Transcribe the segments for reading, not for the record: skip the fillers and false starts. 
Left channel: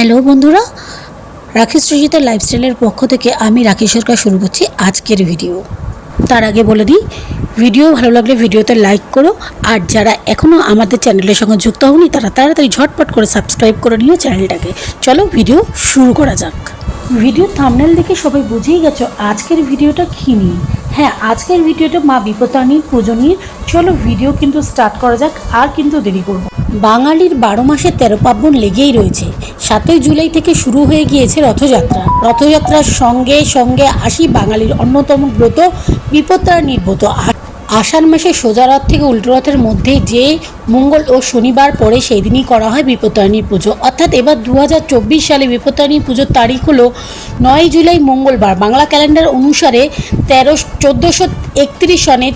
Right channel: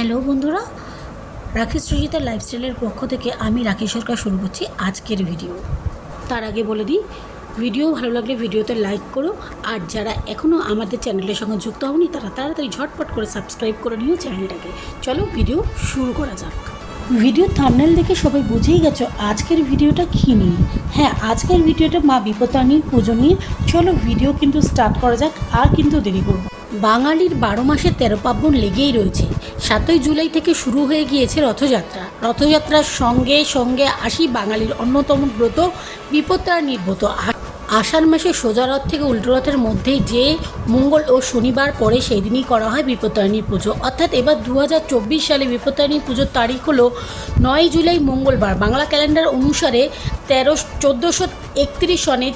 Hello বন্ধুরা, রাখি সৃজিতা লাইফস্টাইলের পক্ষ থেকে আমি রাখি সরকার শুরু করছি আজকের ভিডিও। তার আগে বলে দিই, ভিডিও ভালো লাগলে ভিডিওতে লাইক করো, আর যারা এখনও আমাদের চ্যানেলের সঙ্গে যুক্ত হওনি তারা তাড়াতাড়ি ঝটপট করে সাবস্ক্রাইব করে নিও চ্যানেলটাকে। চলো ভিডিও শুরু করা যাক। ভিডিও থাম্বনেল দেখে সবাই বুঝেই গেছো আজকের ভিডিওটা কী নিয়ে। হ্যাঁ, আজকের ভিডিওটা মা বিপত্তারিণীর পুজো নিয়ে। চলো ভিডিও কিন্তু স্টার্ট করা যাক, আর কিন্তু দেরি করব। বাঙালির 12 মাসে 13 পার্বণ লেগেই রয়েছে। 7ই জুলাই থেকে শুরু হয়ে গিয়েছে রথযাত্রা। রথযাত্রার সঙ্গে সঙ্গে আসি বাঙালির অন্যতম ব্রত বিপত্তারিণীর ব্রত। আষাঢ় মাসে সোজা রথ থেকে উল্টো রথের মধ্যে যে মঙ্গল ও শনিবার পড়ে সেই দিনই করা হয় বিপত্তারিণীর পুজো। অর্থাৎ এবার 2024 সালে বিপত্তারিণী পুজোর তারিখ হলো 9 জুলাই মঙ্গলবার। বাংলা ক্যালেন্ডার অনুসারে 1431 সনের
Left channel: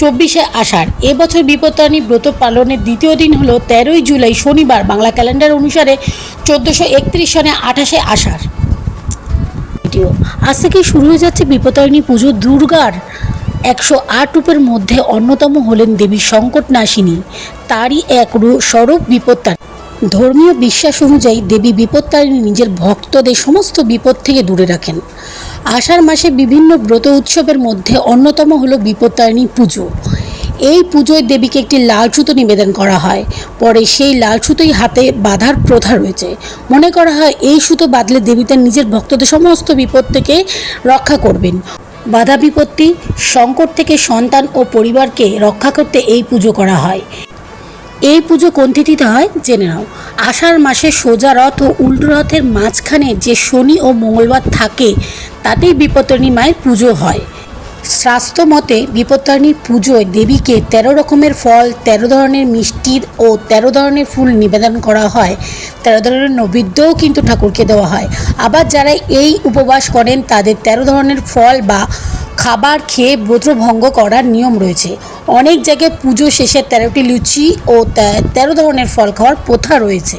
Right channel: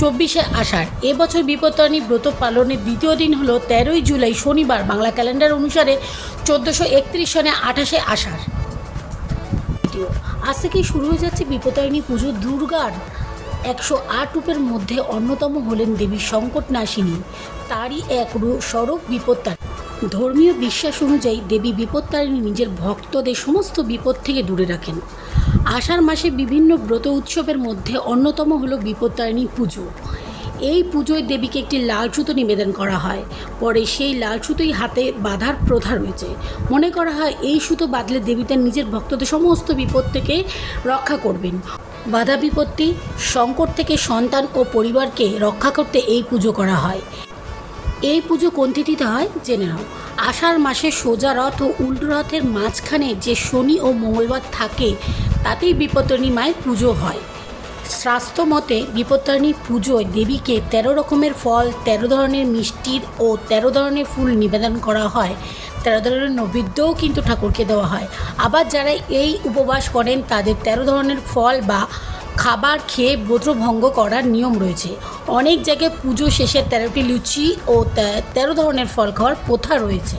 24শে আষাঢ়। এবছর বিপত্তারিণী ব্রত পালনের দ্বিতীয় দিন হলো 13ই জুলাই শনিবার। বাংলা ক্যালেন্ডার অনুসারে 1431 সনে 28শে আষাঢ়। আজ থেকেই শুরু হয়ে যাচ্ছে বিপত্তারিণী পুজো। দুর্গার 108 রূপের মধ্যে অন্যতম হলেন দেবী সংকটনাশিনী, তারই এক স্বরূপ বিপত্তারিণী। ধর্মীয় বিশ্বাস অনুযায়ী দেবী বিপত্তারিণী নিজের ভক্তদের সমস্ত বিপদ থেকে দূরে রাখেন। আষাঢ় মাসে বিভিন্ন ব্রত উৎসবের মধ্যে অন্যতম হলো বিপত্তারিণী পুজো। এই পুজোয় দেবীকে একটি লাল সুতো নিবেদন করা হয়, পরে সেই লাল সুতোই হাতে বাঁধার প্রথা রয়েছে। মনে করা হয় এই সুতো বাঁধলে দেবী তার নিজের ভক্তদের সমস্ত বিপদ থেকে রক্ষা করবেন। বাধা বিপত্তি, সংকট থেকে সন্তান ও পরিবারকে রক্ষা করতে এই পুজো করা হয়। এই পুজো কোন তিথিতে হয় জেনে নাও। আষাঢ় মাসে সোজা রথ ও উল্টো রথের মাঝখানে যে শনি ও মঙ্গলবার থাকে তাতেই বিপত্তারিণী মায়ের পুজো হয়। শাস্ত্র মতে বিপত্তারিণীর পুজোয় দেবীকে 13 রকমের ফল, 13 ধরনের মিষ্টির ও 13 ধরনের ফুল নিবেদন করা হয়। 13 ধরনের নৈবেদ্যও কিন্তু ঠাকুরকে দেওয়া হয়। আবার যারা এই উপবাস করেন তাদের 13 ধরনের ফল বা খাবার খেয়ে ব্রত ভঙ্গ করার নিয়ম রয়েছে। অনেক জায়গায় পুজো শেষে 13টি লুচি ও 13 ধরনের ফল খাওয়ার প্রথা রয়েছে,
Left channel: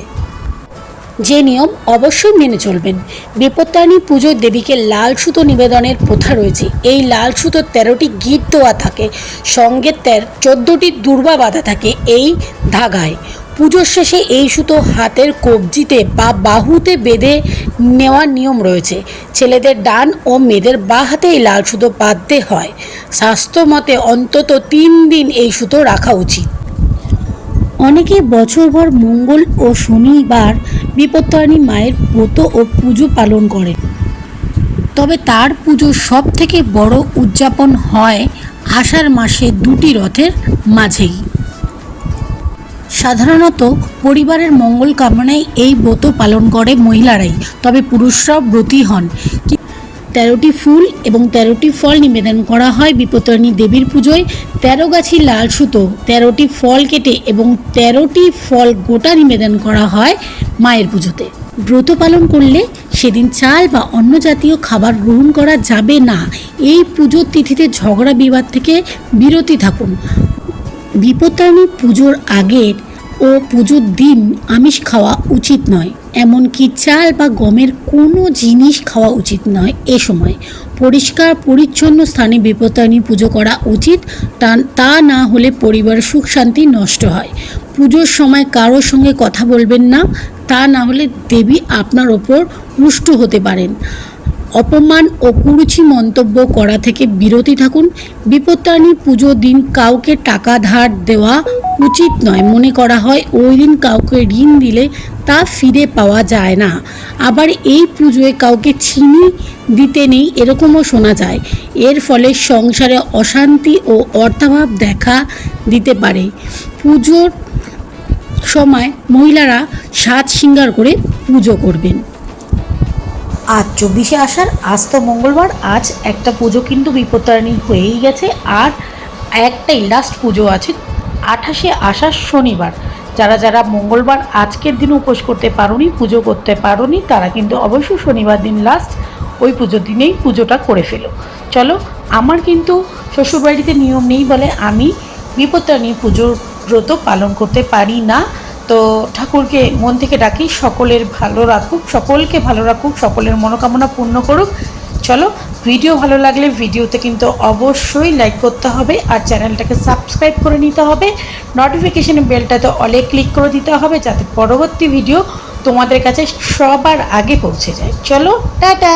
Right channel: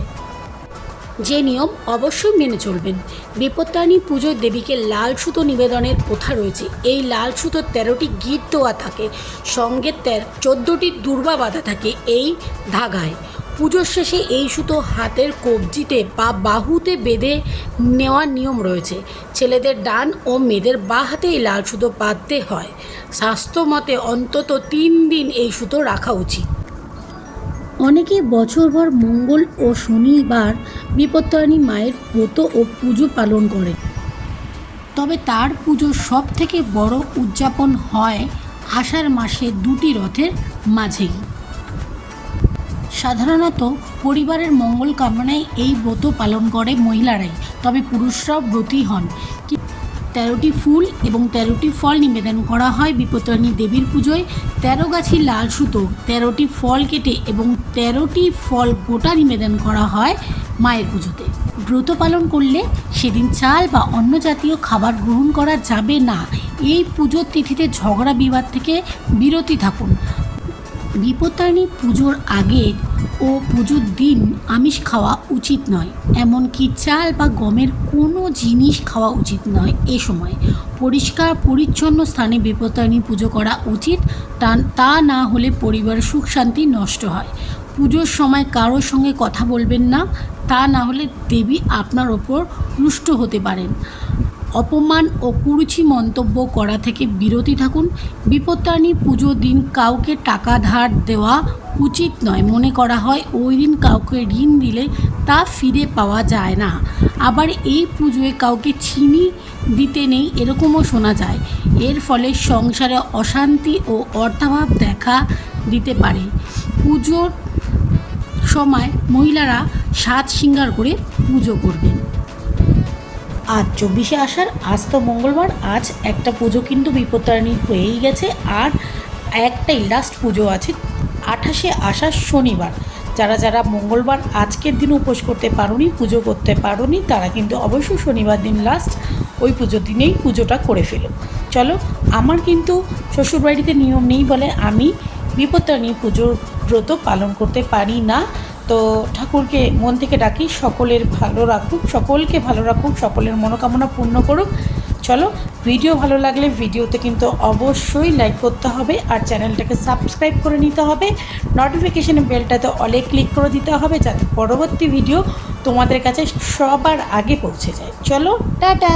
যে নিয়ম অবশ্যই মেনে চলবেন। বিপত্তারিণী পুজোয় দেবীকে লাল সুতো নিবেদনের প্রথা রয়েছে। এই লাল সুতো 13টি গিঁট দেওয়া থাকে, সঙ্গে 14টি দূর্বা বাঁধা থাকে এই ধাগায়। পুজোর শেষে এই সুতো হাতের কবজিতে বা বাহুতে বেঁধে নেওয়ার নিয়ম রয়েছে। ছেলেদের ডান ও মেয়েদের বাঁ হাতে এই লাল সুতো বাঁধতে হয়। শাস্ত্র মতে অন্তত 3 দিন এই সুতো রাখা উচিত। অনেকে বছরভর মঙ্গল ও শনিবার বিপত্তারিণী মায়ের ব্রত ও পুজো পালন করেন, তবে তার পুজো সব থেকে বড় উদযাপন হয় আষাঢ় মাসে 2টি রথের মাঝেই। সাধারণত পরিবারের মঙ্গল কামনায় এই ব্রত পালন করে মহিলারাই, তবে পুরুষরাও ব্রতী হন। 13টি ফুল এবং 13টি ফল নিবেদন করা হয় বিপত্তারিণী দেবীর পুজোয়। 13 গাছি লাল সুতো, 13টি ফল কেটে এবং 13টি ফল গোটা নিবেদন করা হয় মায়ের পুজোতে। ব্রত পালন করলে সেদিন চাল বা অন্য জাতীয় খাবার গ্রহণ করা যাবে না। এই পুজোর তিথিতে ঝগড়া বিবাদ থেকে বিরতি থাকুন। বিপত্তারিণী পুজোর আগের ও পুজোর দিন আমিষ খাওয়া উচিত নয়, এমনকি চাল বা গমের কোনো জিনিস খাওয়া উচিত নয়। এ সময় পরিষ্কার পরিচ্ছন্ন স্থানে বিপত্তারিণী পুজো করা উচিত, তা না হলে পরিবারের সুখ শান্তি নষ্ট হয়। পুজোর সময় কারোর সঙ্গে কথা বলবেন না, তা না হলে দেবী আপনার ওপর রুষ্ট হতে পারেন। অপমান ও কুরুচি মন্তব্য করা থেকে বিরতি থাকুন। বিপত্তারিণী পুজোর দিন কাউকে টাকা ধার দেওয়া উচিত নয়। মনে করা হয় ওই দিন কাউকে ঋণ দিলে তা ফিরে পাওয়া যায় না। আবার এই পুজোয় কাউকে চিনি দিতে নেই, এরকমও শোনা যায়। এর ফলে সংসারে অশান্তি ও অর্থাভাব দেখা দিতে পারে। পুজোর সময় মহিলারা সাজ শৃঙ্গার করে পুজো করবেন। আজ 24শে আষাঢ়, আজ তো মঙ্গলবার। আজ একটা পুজো কিন্তু বিপত্তারিণী হয়েই গেছে, আর একটাই লাস্ট পুজো আছে 28শে আষাঢ় শনিবার। যারা যারা মঙ্গলবার আজকের দিন উপোস করতে পারোনি, পুজো করতে পারোনি, তারা কিন্তু অবশ্যই শনিবার দিন লাস্ট, ওই পুজোর দিনেই পুজোটা করে ফেলো। চলো, আমার কিন্তু শ্বশুরবাড়িতে নিয়ম নেই বলে আমি বিপত্তারিণী পুজোর ব্রত পালন করতে পারি না। তো ঠাকুরকে মন থেকে ডাকি সকলের ভালো রাখুক, সকলকে ভালো রাখুক, সকলের মনোকামনা পূর্ণ করুক। চলো, ভিডিও ভালো লাগলে ভিডিওতে কিন্তু অবশ্যই লাইক করতে হবে, আর চ্যানেলটাকে সাবস্ক্রাইব করে নিতে হবে। নোটিফিকেশন বেলটাতে অলে ক্লিক করে দিতে হবে, যাতে পরবর্তী ভিডিও তোমাদের কাছে সবার আগে পৌঁছে যায়। চলো টাটা।